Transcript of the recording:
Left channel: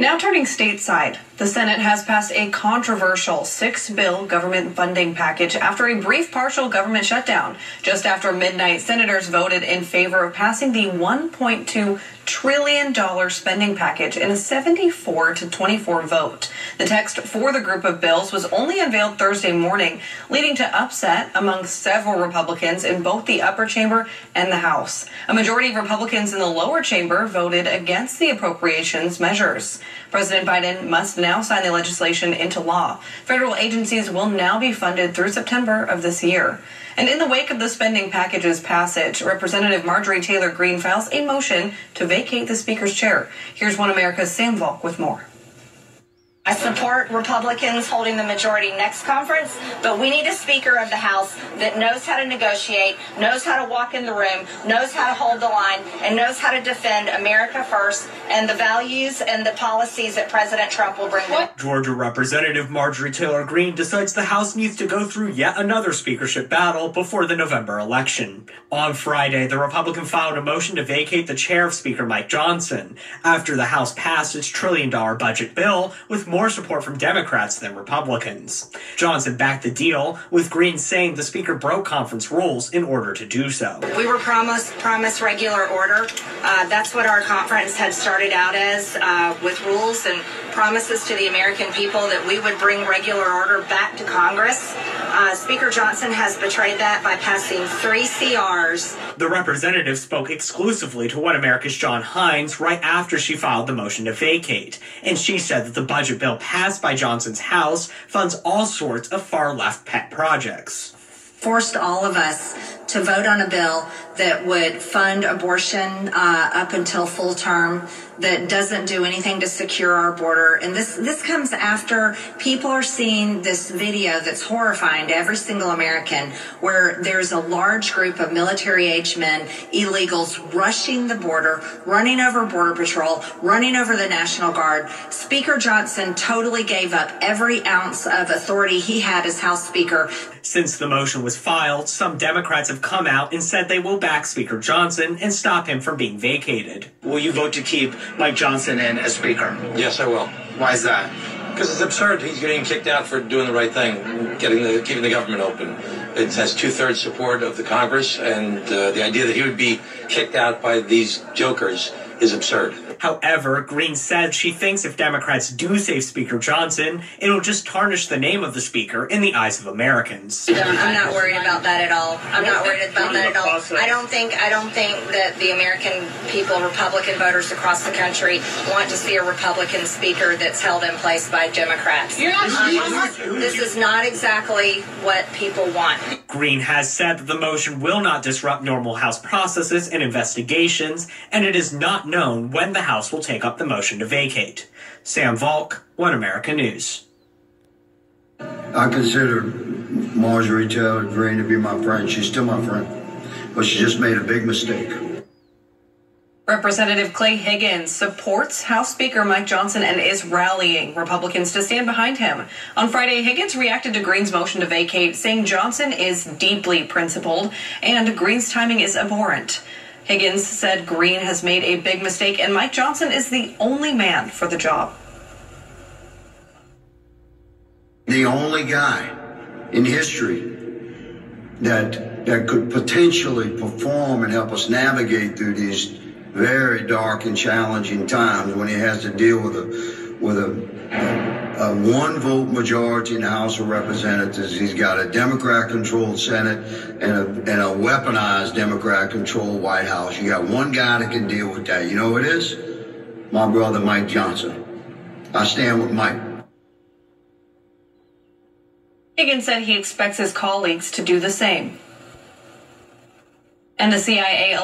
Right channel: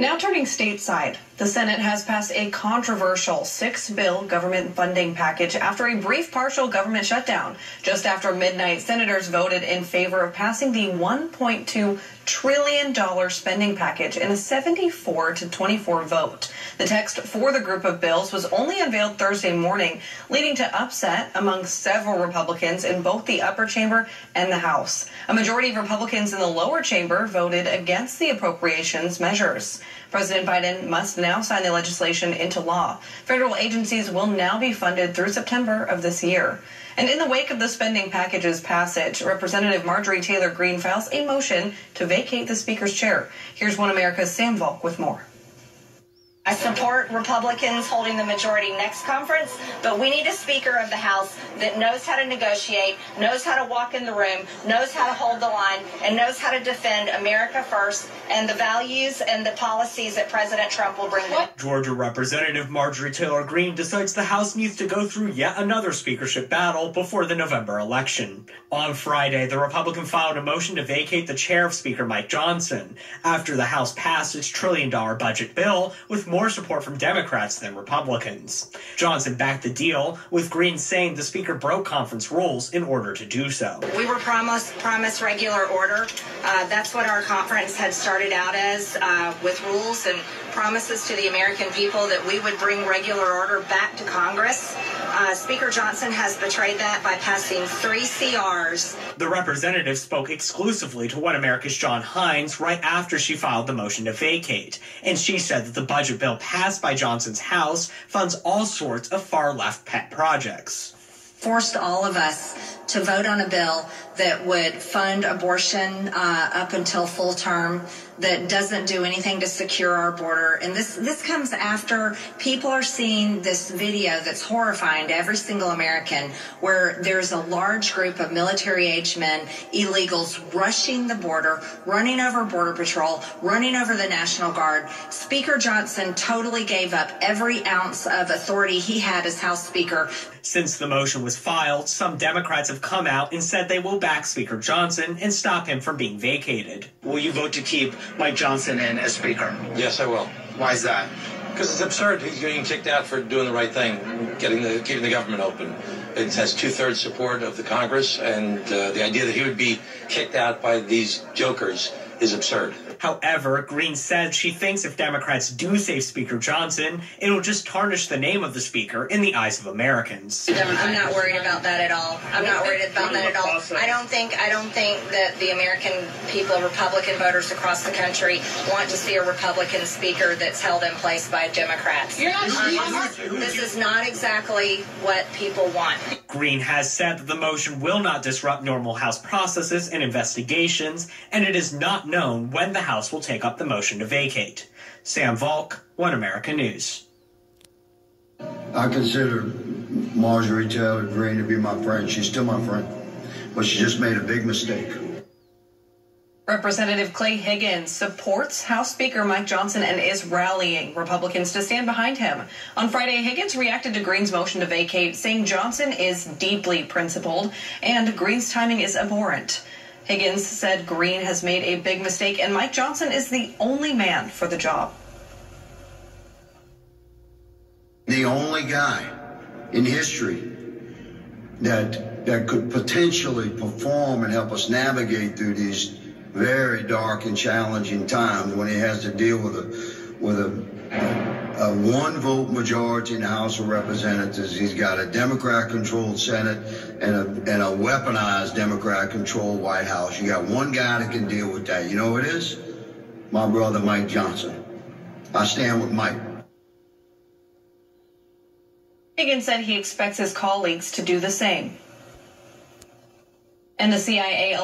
Now turning stateside, the Senate has passed a controversial 6-bill government funding package after a brief partial government shutdown. Just after midnight, senators voted in favor of passing the $1.2 trillion spending package in a 74-24 vote. The text for the group of bills was only unveiled Thursday morning, leading to upset among several Republicans in both the upper chamber and the House. A majority of Republicans in the lower chamber voted against the appropriations measures. President Biden must now sign the legislation into law. Federal agencies will now be funded through September of this year. And in the wake of the spending package's passage, Representative Marjorie Taylor Greene files a motion to vacate the Speaker's chair. Here's One America's Sam Volk with more. I support Republicans holding the majority next conference, but we need a Speaker of the House that knows how to negotiate, knows how to walk in the room, knows how to hold the line, and knows how to defend America first and the values and the policies that President Trump will bring. Georgia Representative Marjorie Taylor Greene decides the House needs to go through yet another speakership battle before the November election. On Friday, the Republican filed a motion to vacate the chair of Speaker Mike Johnson after the House passed its $1 trillion budget bill with more support from Democrats than Republicans. Johnson backed the deal, with Greene saying the Speaker broke conference rules in order to do so. We were promised regular order. That's what our conference had started out as, with rules and promises to the American people that we would bring regular order back to Congress. Speaker Johnson has betrayed that by passing 3 CRs. The representative spoke exclusively to One America's John Hines right after she filed the motion to vacate, and she said that the budget bill passed by Johnson's House funds all sorts of far-left pet projects. Forced all of us to vote on a bill that would fund abortion up until full term, that doesn't do anything to secure our border. And this comes after people are seeing this video that's horrifying to every single American, where there's a large group of military-aged men, illegals, rushing the border, running over Border Patrol, running over the National Guard. Speaker Johnson totally gave up every ounce of authority he had as House Speaker. Since the motion was filed, some Democrats have come out and said they will back Speaker Johnson and stop him from being vacated. Will you vote to keep Mike Johnson in as Speaker? Yes, I will. Why is that? Because it's absurd. He's getting kicked out for doing the right thing, keeping the government open. It has 2/3 support of the Congress, and the idea that he would be kicked out by these jokers is absurd. However, Greene said she thinks if Democrats do save Speaker Johnson, it'll just tarnish the name of the Speaker in the eyes of Americans. I'm not worried about that at all. I'm not worried about that at all. I don't think that the American people, Republican voters across the country, want to see a Republican Speaker that's held in place by Democrats. This is not exactly what people want. Greene has said that the motion will not disrupt normal House processes and investigations, and it is not known when the House will take up the motion to vacate. Sam Volk, One America News. I consider Marjorie Taylor Greene to be my friend. She's still my friend, but she just made a big mistake. Representative Clay Haggins supports House Speaker Mike Johnson and is rallying Republicans to stand behind him. On Friday, Haggins reacted to Greene's motion to vacate, saying Johnson is deeply principled and Greene's timing is abhorrent. Haggins said Greene has made a big mistake and Mike Johnson is the only man for the job. The only guy in history that could potentially perform and help us navigate through these very dark and challenging times when he has to deal with a one-vote majority in the House of Representatives. He's got a Democrat-controlled Senate and a weaponized Democrat-controlled White House. You got one guy that can deal with that. You know who it is? My brother, Mike Johnson. I stand with Mike. Haggins said he expects his colleagues to do the same. And the CIA